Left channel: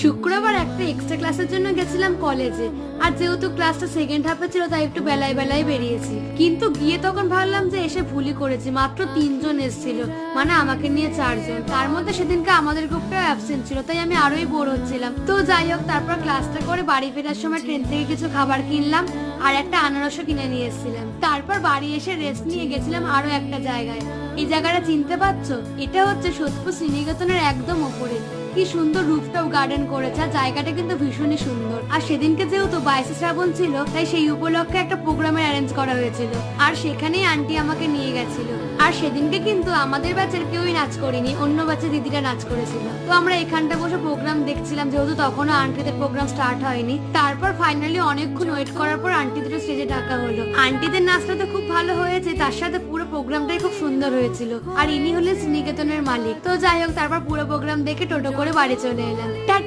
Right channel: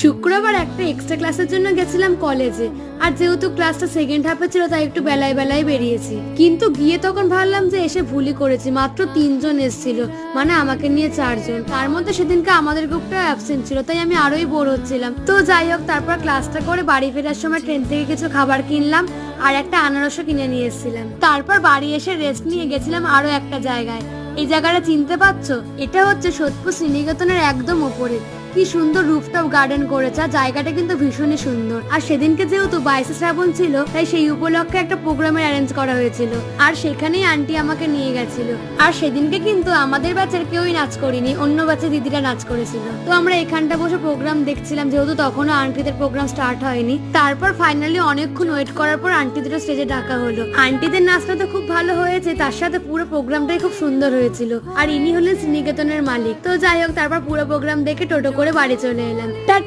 শুক্রবার একটা এক্সট্রা ক্লাসের জন্য গেছিলাম কলেজে। আর যেহেতু ক্লাসটা সেকেন্ড হাফে ছিল তাই একটু বেলায় বেলায় বেরিয়েছি, কিন্তু গিয়ে তখন ভাবলাম যে এসে ভুলই করেছি। মাত্র 3 জন এসেছিল, মানে আমাকে নিয়ে 4 জন। তার মধ্যে সেদিনকে আমাদের গ্রুপটা অ্যাবসেন্ট ছিল, তাই আমি আরোই বোর হচ্ছিলাম। তো যাই হোক, তারপর ক্লাসটা করে বাড়ি ফেরার সময় ট্রেন থেকে কিছু খাবার কিনলাম আর একটা আনারসও কিনে নিয়ে এসেছিলাম। তারপর বাড়ি এসে রেস্ট নিয়ে গেছিলাম আরো একটা জায়গায়। এই জায়গাটা চিনতে পারছো? এটা হচ্ছে সোদপুর শ্রীনিকেতনের একদম উপরে। কি সুন্দর রুফটপ গার্ডেন করেছে, আর জায়গাটা কিন্তু ভীষণই সুন্দর। আর সেদিনকে যেহেতু 22শে শ্রাবণ ছিল, তাই সেই উপলক্ষে একটা প্রোগ্রামের অ্যারেঞ্জ করা হয়েছিল, আর সেখানেই আন্টি আমাকে নিয়ে গেছিল। আর সেদিনকে কিন্তু আমাদের ব্যাচের কেউই নাচ করিনি, অন্য ব্যাচের দিদিরা নাচ করেছিল। তো আমরা এখানটা বসে প্রোগ্রাম দেখছিলাম, যেহেতু তখনও আন্টিদের প্রোগ্রাম স্টার্ট হয়নি। তারপর ফাইনালি অনেকক্ষণ ওয়েট করার পর আন্টিদের স্টেজে ডাকা হলো। আন্টিদের নাচটা তো খুব ভালো হয়েছে, তার সাথে পুরো প্রোগ্রামটাই খুব সুন্দর হয়েছিল। আর ইনি হলেন শ্রীনিকেতনের মালিক। তো যাই হোক, তারপর পুরো প্রোগ্রাম দেখে টোটো করে বাড়ি চলে এলাম।